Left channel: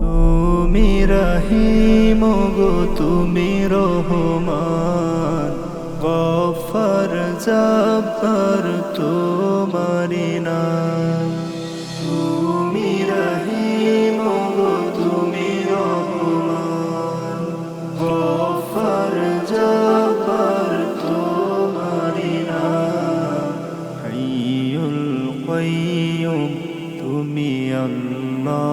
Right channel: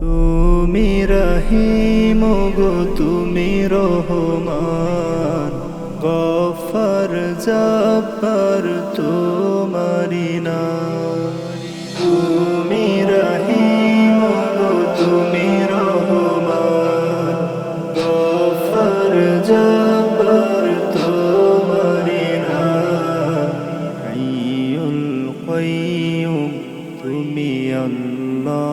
তুমি রহিম গো তুমি রহমান, গফফার জব্বার তোমারি নাম। তুমি রহিম গো তুমি রহমান, গফফার জব্বার তোমারি নাম। হাইয়ুল কাইয়্যুম তুমি আল্লাহ,